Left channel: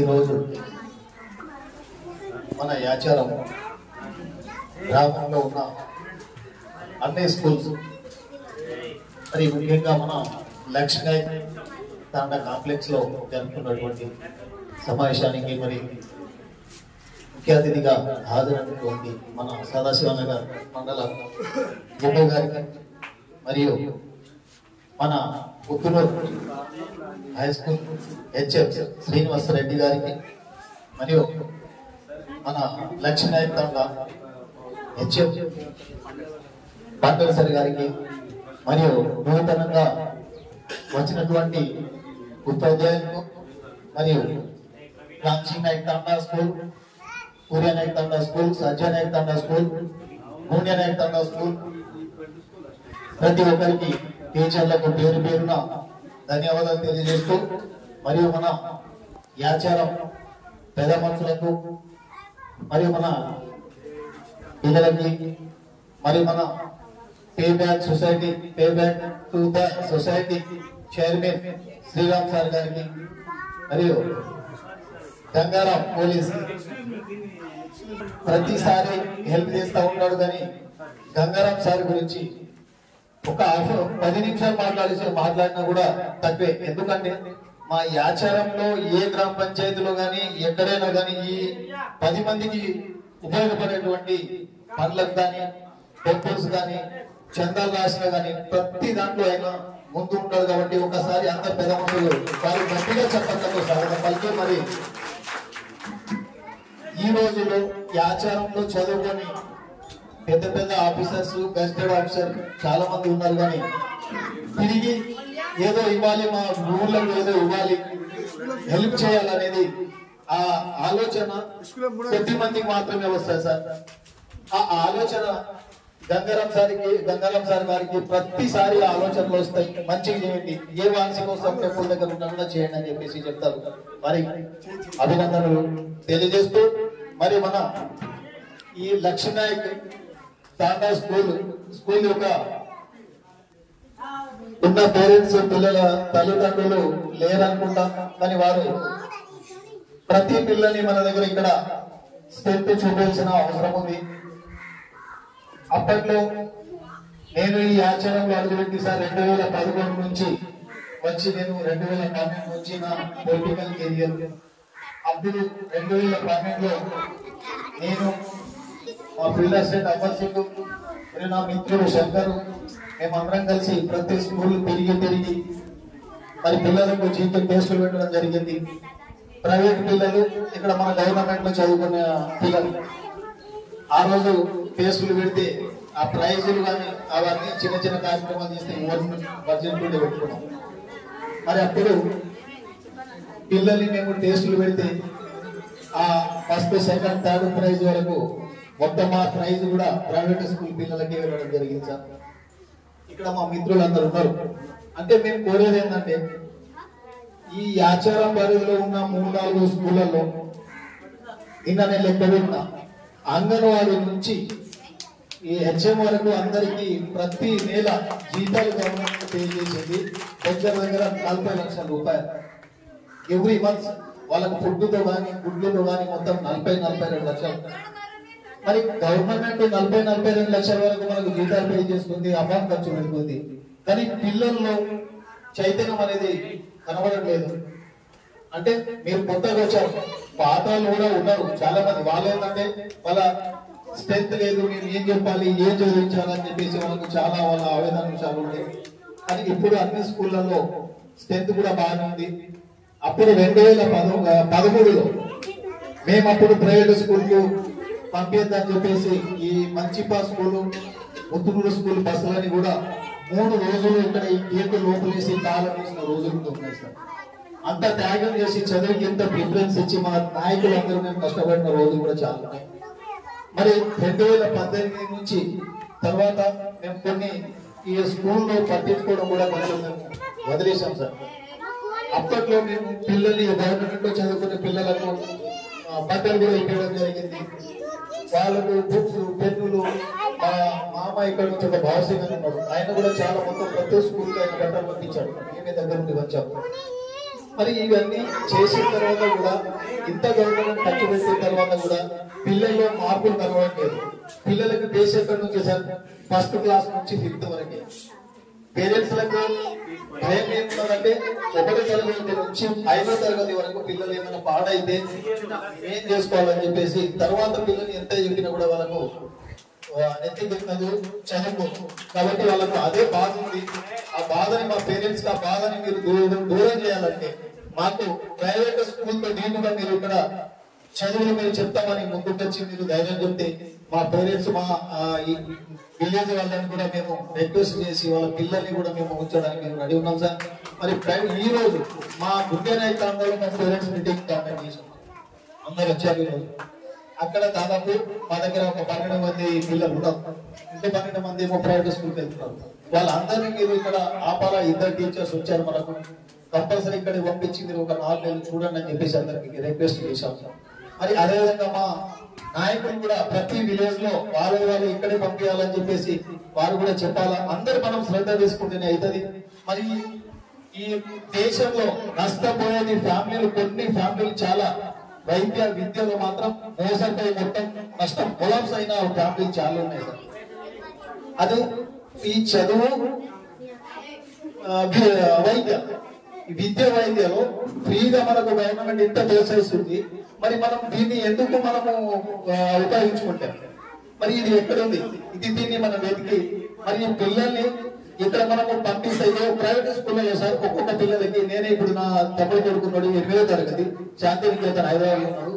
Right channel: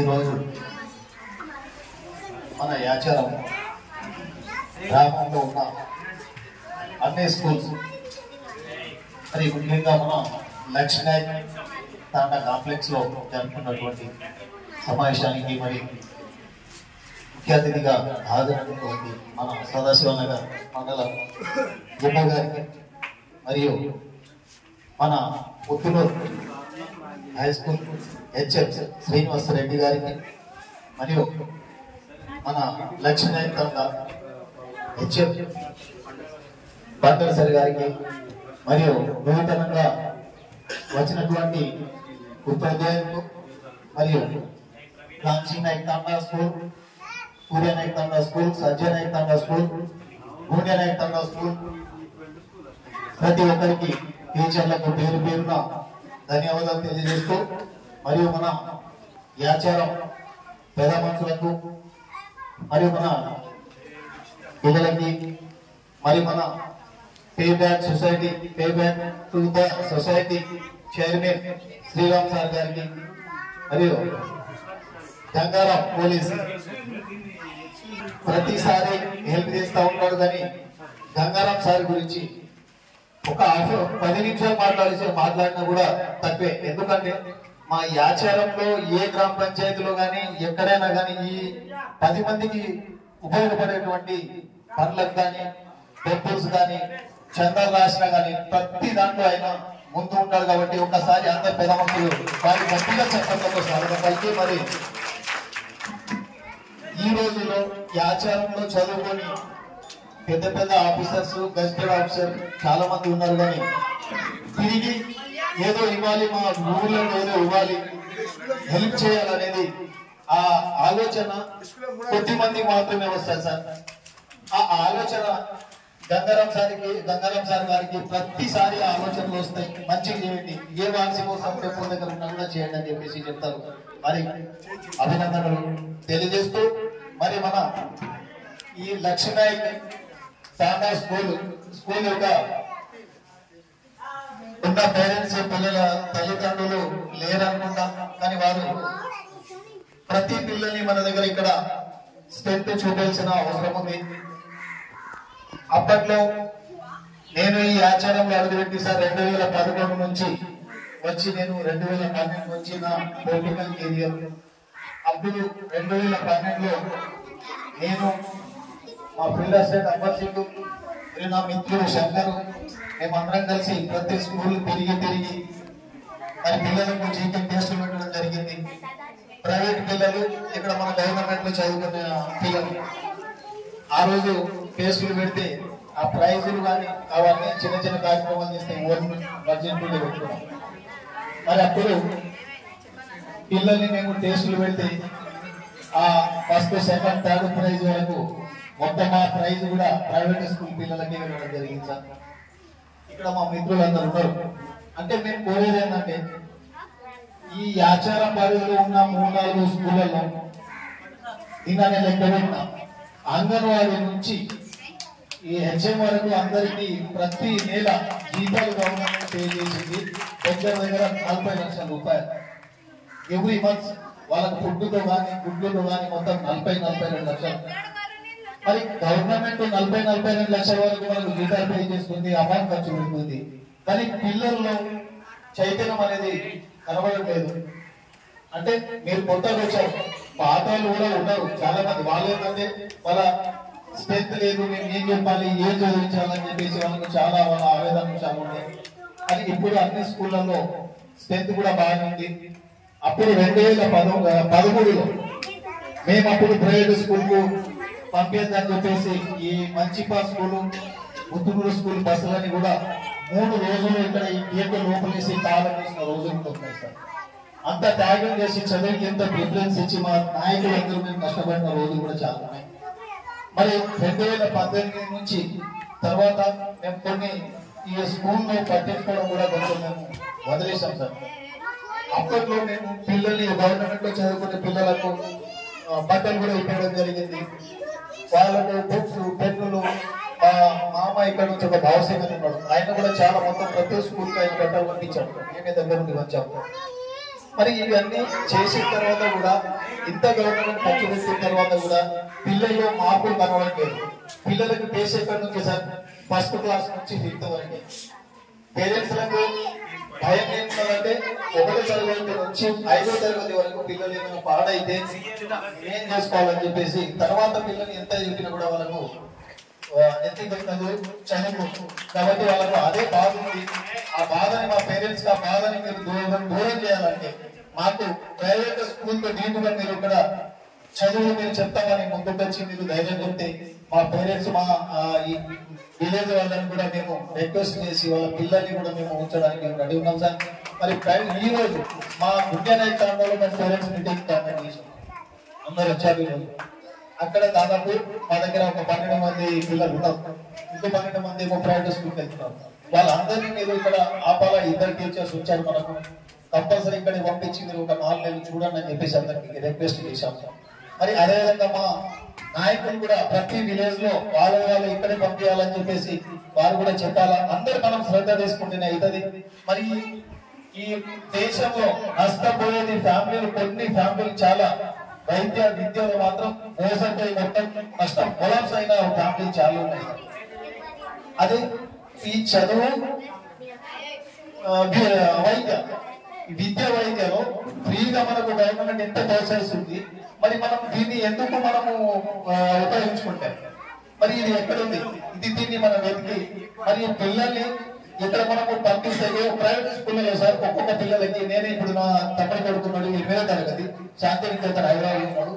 ఈరోజు మన యాచారం గ్రామంలో ఉన్న అన్ని స్కూల్స్ మరి ముఖ్యంగా మనం లక్ష్మీ తాండా కాంప్లెక్స్ లో జరుపుకున్నటువంటి సమావేశానికి మరి ముఖ్య అతిథిగా హాజరైనటువంటి మన సదాశివనగర్ మండల గుమ్మ గారికి మరియు మన Puttur high school HF Srinivasa Reddy గారికి మరియు మన లక్ష్మీ తాండా హెచ్ఎఫ్ బాటర్సరి గారికి మరియు నూతనంగా వచ్చినటువంటి ఉపాధ్యాయులకు మరియు రామ్జీ నాయక్ తాండా స్కూల్, సూర్య నాయక్ తాండా స్కూల్, సంజయ్ నాయక్ తాండా స్కూల్, భూన్య నాయక్ తాండా స్కూల్ ప్రతి ఒక్కరికి టీచర్లకు పేరు పేరున ధన్యవాదాలు తెలియజేస్తూ మరియు మన యాచారం పెద్ద మనుషులకు మరియు మన పిల్లలకి మరియు మన pay back to the society chairman Sriram sir గారికి మరియు గంగారాం పోలీస్ ప్రతిసారి హెల్ప్ చేస్తూ ఉంటాడు. కానీ గంగారాం సార్ గురించి ఒక 10 నిమిషాలు మాట్లాడినా కూడా తక్కువే. ఎందుకంటే మా యాచారంలో ఏ గ్రామ పంచాయతీలో గానీ ఎక్కడైనా గానీ ఈ 10 మందికి ఉపయోగపడేటువంటి పనులకు కానీ టెంపుల్స్ కానీ చందాలు రాసినా కానీ ప్రతి దాంట్లో ఆయన ముందు ఉంటాడు. కాబట్టి ఒకసారి అందరు పెద్ద మందులు వారి గట్టిగా చెప్పడంతో స్వాగతం పలికి మరి ఈ రోజులో ఈ ఆచారంలో చదువుకొని పెద్ద పెద్ద ఆఫీసర్స్, గెస్టెడ్ ఆఫీసర్ చాలా మంది ఉన్నారు. కానీ తిరిగి ఏదో ఇవ్వాలి, మా ఊర్లకు ఏదో ఇవ్వాలి, హెల్ప్ చేయాలనేది ఆ ఆలోచన కొద్ది మంది మాత్రమే వస్తాయి సార్. ఆ ఆలోచన గంగారాం సార్ గారికి ప్రతిసారి ఆలోచనలు వస్తాయి. మంచిగా చేయండి, ఏ వాన్సి కోసం టెంపుల్ దగ్గర ఉన్నా కూడా చేయండి అని చెప్పేసి చెప్తారు. మరి అభినందనలు తెలియజేస్తూ మరి మన ఈ లక్ష్మీ తాండా స్కూల్ యొక్క ఇంకా పేరెంట్స్ పిల్లల తల్లిదండ్రులు లేరనుకుంటాం. కానీ వారు ప్రతి పిల్లల్ని మన దగ్గర ఇక్కడ స్ట్రెంత్ చూపించిన అవసరం ఉంది. అప్పట్లో నేను ఈ ఆచారంలో అడుగుపెట్టి సార్ 2011 నుంచి వచ్చి నేను 2012 నుంచి నా పొలిటికల్ కెరియర్. అప్పుడు 2012లో నేను మా ఫీల్డ్ అసిస్టెంట్ అమర్ సింగ్ మరియు నా మిత్రుడు శంకర్ మేమందరం కలిసి ప్రతి స్కూల్ తిరిగి మరి పిల్లలకు జీకే టెస్టులు పెట్టడం జరిగింది. ప్రైవేట్ పిల్లలు, ఇక్కడ మన గవర్నమెంట్ లో చదువుకునే పిల్లలు ఆ రోజు టెస్టులు పెడితే ఆ ప్రైజులు కానీ అవన్నీ చిన్న చిన్న కార్యక్రమాలు చేస్తే ఓన్ బడ్జెట్ కూడా పెట్టుకున్నాం. మరి అప్పుడు పిల్లల్ని మేము టెస్టులు పెడితే ఆ ఫస్ట్, సెకండ్, థర్డ్ ప్రైజ్ వరకు మొత్తం ఆ ప్రైజ్ కూడా ప్రైవేట్ స్కూల్ పిల్లలకి ఇవ్వడం జరిగింది సార్. ఇక్కడ మా మిత్రులు అందరు ఉన్నారు. అంటే మేము కోరేది ఏంటంటే ఈ ఆచారం పరిధిలో ఉన్న 3-4 స్కూళ్లలో నిన్న లెక్క పెట్టిన అంగన్వాడీ నుంచి ఈ హెచ్ఎం వరకు అందరికి ప్రతి నెల జీతాలు గవర్నమెంట్ పే చేసేది దగ్గర 40 లక్షల రూపాయలు ఎవ్రీ మంత్. వాళ్ళకు ఫుడ్తో కానీ గుడ్లతో కానీ మొత్తం 40-42 లక్షలు. మరి గవర్నమెంట్ 40-42 లక్షల వరకు మనకు జీతాలు పే చేస్తుంది, అమౌంట్ ఖర్చు పెడుతుంది. కానీ పిల్లల్లో చైతన్యం అనేది కనబడట్లేదు. అంటే మీరు కొత్తగా వచ్చారు, పాత వాళ్ళు కూడా ఉన్నారు చాలా మంది. వాళ్ళు ఏంటంటే వాళ్ళ స్ట్రెంత్ లేదు, మేము ఏం చెప్పాలి, ఏం చదివించాలని చెప్పేసి వాళ్ళ ఆవేదనలు చాలా ఉన్నాయి. కానీ ఇప్పుడు అన్ని స్కూళ్లలో స్ట్రెంత్ కూడా బాగానే ఉంది. అప్పుడు 2013లో మేము అప్పుడు ప్రైవేట్ స్కూల్ కు పంపిద్దని చెప్పేసి ఈ మంచిపా స్కూలు, ముత్తుగూడు స్కూల్ బస్సులని కూడా 3 రోజులు ఇక్కడ ఈ గేట్ లోపలేసి తాళం వేసిన రోజులు ఉన్నాయి సార్. అంత త్యాగం చేసి చదువుకి ఎంత ప్రిఫరెన్స్ ఇచ్చి మా నాయకులందరూ మేము కష్టపడిన రోజులు కూడా చాలా ఉన్నాయి. మరి 2018 నుంచి తర్వాత మేము కొన్ని ఈ స్కూల్లో పట్టించుకోవడం కూడా కొంచెం మేము వదిలేసాం సార్. అప్పట్లో మేము పిల్లల్ని గవర్నమెంట్ లో చదువుకునే పిల్లలకు బట్టలు కూడా ఇవ్వడం జరిగింది. వాళ్ళకు బుక్స్, పెన్నులు. మా మామ ఇక్కడ నుంచి ఒక భావసింగ్ ఉన్నాడు, ఆయన కూడా చాలా మొత్తం ప్రతి స్కూల్ ఆయన బట్టలు పంపించాడు. మేమే దగ్గర నుండి వచ్చాము. మరి ఇవన్నీ చేసిన తర్వాత కూడా ఇంత గవర్నమెంట్ ఖర్చు పెట్టిన తర్వాత కూడా పిల్లల్లో మార్పులు కనబడట్లేదు. పిల్లలకి బేస్ ఎక్కడి నుంచి సార్? ఫస్ట్ క్లాస్ నుంచి 5th వరకే. పేరెంట్స్ లకు భయం ఏమున్నదంటే 1వ తరగతి నుంచి 5వ తరగతి వరకు పిల్లలు ఏమైనా పాడైతే ఏం చేసుకోవాలని చెప్పేసి తర్వాత పిల్లలు ఎంత చెప్పినా కూడా వాళ్ళకు ఎత్తికొన్నది చదువు. కాబట్టి వాళ్ళకు అదే బాధ ఉంది. ఆ బాధని మా పేరెంట్స్ ఆ బాధని మీరు దూరం చేయాలంటే మాకు ప్రైవేట్ స్కూల్ తో నీటుగా మీరు ఇక్కడ చదువులు మీరు చెప్తామని ముందుకొచ్చి మీరు ధైర్యం చెప్తే మా పేరెంట్స్ మా ఈ విలేజ్ వాళ్ళని కూడా మేము రిక్వెస్ట్ చేసి వాళ్ళ పిల్లల్ని కూడా మేము ఉంచడానికి మేము రెడీ ఉన్నాం సార్. మరి ఈ రోజు మా గుడ్డనాయక తాండలో మేము పేరెంట్స్ మీటింగ్ కాంటాక్ట్ చేసాం. అందరు వచ్చారు ఈరోజు. అక్కడ దాదాపు మా దగ్గర ఒక 12 మంది పిల్లలు ఉన్నారు. ఇంకో 12 మంది ప్రైవేట్ స్కూల్కి వెళ్తున్నారు. వాళ్ళందరినీ మీరు ఇక్కడ ఆపాలా. 2 టీచర్స్ వచ్చారు మనకు. కంపల్సరీ ఇక్కడికి పంపించి మీరు ఒక 4 నెలలు చూడండి అని చెప్పేసి అందరికి రిక్వెస్ట్ చేశాం. మరి అదేవిధంగా మా నాయకులు కూడా ప్రతి విలేజ్ లో వాళ్ళు ఇక్కడే పంపించాలని చెప్పేసి వారు కూడా చెప్పాలా. అందరు మనం శ్రద్ధ తీసుకుంటేనే అవుతుంది. మరి ఈ దేశంలో నష్టపోయేది ఫ్యామిలీలు, కొన్ని ఫ్యామిలీలు చాలా వైద్య విద్యలో మాత్రం మోసపోయి మొత్తం నష్టం కొలాప్స్ అయిన ఫ్యామిలీలు చాలా ఉన్నాయి సార్. అది ఈ చదువు వైద్యలో ఫ్రీగా మనకు గవర్నమెంట్ ఎంత ప్రోత్సహిస్తుంది. మరి మనం దీన్ని ఎందుకు మనము ఉపయోగించుకుంటాం? మరి ఇది ఎక్కడుంది? దీన్ని మనం వెతికి మరి పిల్లల్ని ఇక్కడ మనము పంపిస్తే ప్రైవేట్ స్కూల్లో సార్ ఒక్కొక్క పిల్లలకి నేను ఇప్పుడు నా తమ్ముడు కొడుకున్నాడు 8వ తరగతి శాంతినికేతన్ హైదరాబాద్ ఉన్నాడు.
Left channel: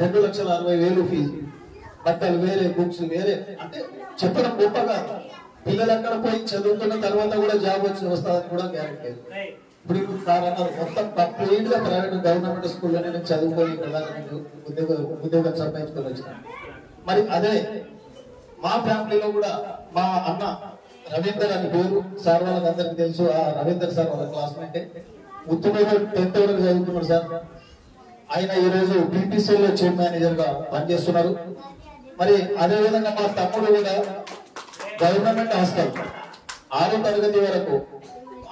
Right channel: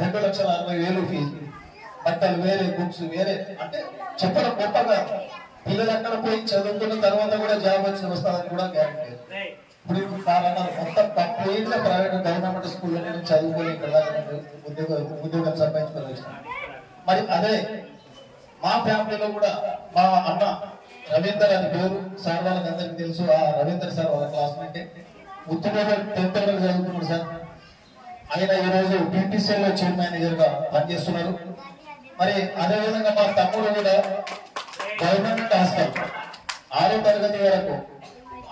2,60,000 ఫీజు, బట్టలు వేరే, బుక్స్ వేరే. అంటే చెప్పడం గొప్పగా పిల్లలు అక్కడ పోయి చదువుకున్న తర్వాత కూడా జాబ్ వస్తుందని కూడా గ్యారెంటీ. ఇప్పుడు కాదన్నారు మొత్తం కంప్లీట్గా ప్రైవేట్ గవర్నమెంట్ స్కూల్లోనే నేను చదువుకొని ఇక్కడ ఉద్యోగం సంపాదించుకొని వచ్చిన. మరి అదే మా ఫ్యామిలీలో కూడా మా అన్న రవీందర్ అని పేరు సార్ వాళ్ళకి అందరికి తెలుసు. ఆ రవీందర్ సార్ వాళ్ళ క్లాస్మేట్. ఉత్తమేగా 10th వరకు చదువుకున్నాడు సార్. ఆయన ఈ రోజు BPCL చైర్ మేనేజర్ గా పనిచేస్తున్నారు. మరి అదే విధంగా మా తమ్ముడు కూడా గవర్నమెంట్ హాస్టల్ 6వ తరగతి వరకు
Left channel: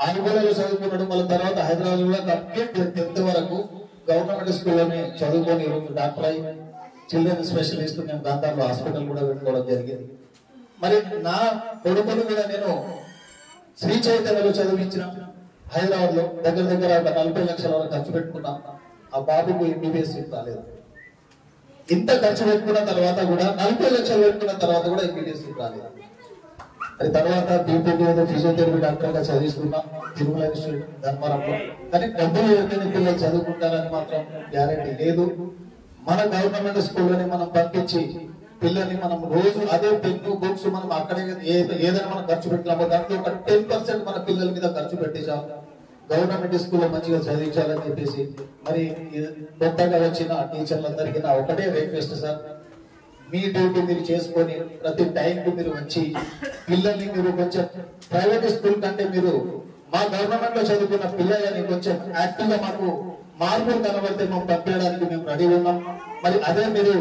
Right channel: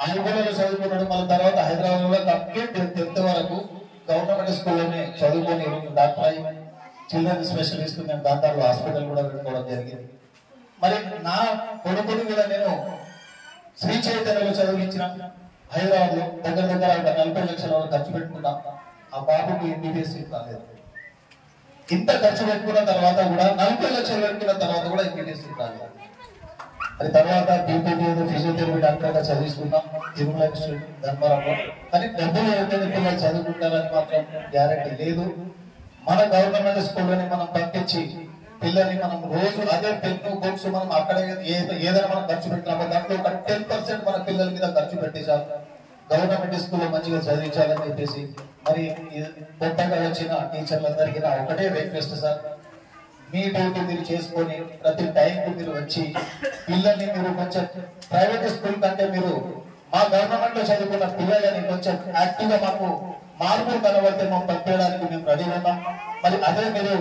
ఆంధ్రలో చదువుకున్నాడు. మళ్ళీ తర్వాత హైదరాబాద్ లో 10th వరకు గవర్నమెంట్ స్కూల్లోనే చదువుకొని డాక్టర్ అయి చిల్డ్రన్ స్పెషలిస్ట్ నేను దాంట్లో హాస్పిటల్ కూడా పెట్టుకోవడం జరిగింది. మరి నా కొడుకుని కూడా నేను శ్రీ చైతన్యలో చదివించిన హైదరాబాద్ లో దగ్గర ఒక 40 లక్షల వరకు ఖర్చు పెట్టుకున్నా. ఆ బాబుకు MBBS సీట్ రాలేదు. ఇంత ఖర్చు పెట్టుకున్న తర్వాత కూడా 40 లక్షలు పెట్టుకున్న తర్వాత కూడా MBBS సీట్ రాలేదు. అది తర్వాత BPD ఫిజియోథెరపీ డాక్టర్ గా చదివిస్తున్నా తిరుమల ఇన్స్టిట్యూట్ ధర్మవరంలో. కానీ డబ్బులు ఎవరికైనా పిల్లలు చదువుకుంటారని మాత్రం గ్యారంటీ లేదు. మన గవర్నమెంట్ స్కూల్లోని మనం పంపించి పిల్లల్ని మనం రోజు అదే పెన్ను బుక్స్ మనం అక్కడే ఏదైనా మనం ఖర్చు పెట్టినామో దాంట్లో ఒక 10% మన పిల్లల మీద ఖర్చు పెట్టేసాం. గవర్నమెంట్ స్కూల్లో మంచిగా చదివించాలని చెప్పేసి మరి కొత్తగా వచ్చిన టీచర్లందరికీ నా ఒకటే రిక్వెస్ట్ సార్, మీ డ్యూటీ మీరు చేసుకొని ప్రతి టైంకు మీరు వచ్చి పిల్లల్ని మీరు కొంచెం ప్రైవేట్ స్కూల్ కంటే మీరు మా గవర్నమెంట్ లో చదువుకున్న పిల్లలని కొంచెం యాక్టివ్ గా మాకు మార్పులు కనబడితే మేము పంపించడానికి మేము రెడీ ఉన్నాం. మరి అదే మీరు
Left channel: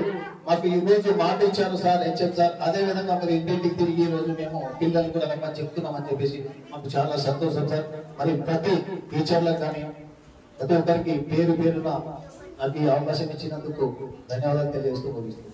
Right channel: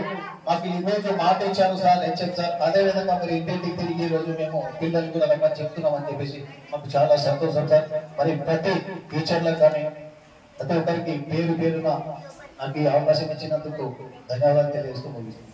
మాకు ఈ రోజు మాట ఇచ్చారు సార్, హెచ్ఎం సార్. అదే విధంగా మరి ఇంటింటికి తిరిగి ఈ రోజు మేము పిల్లల్ని కూడా రమ్మని చెప్తున్నాం అని చెప్పేసి మాకు చాలా సంతోషం సార్. మరి ప్రతి టీచర్లకు కానీ ప్రతి ఒక్కరికి పేరు పేరున నాకు ఈ అవకాశం ఇచ్చినందుకు ధన్యవాదాలు తెలియజేస్తూ ముగిస్తున్నాను.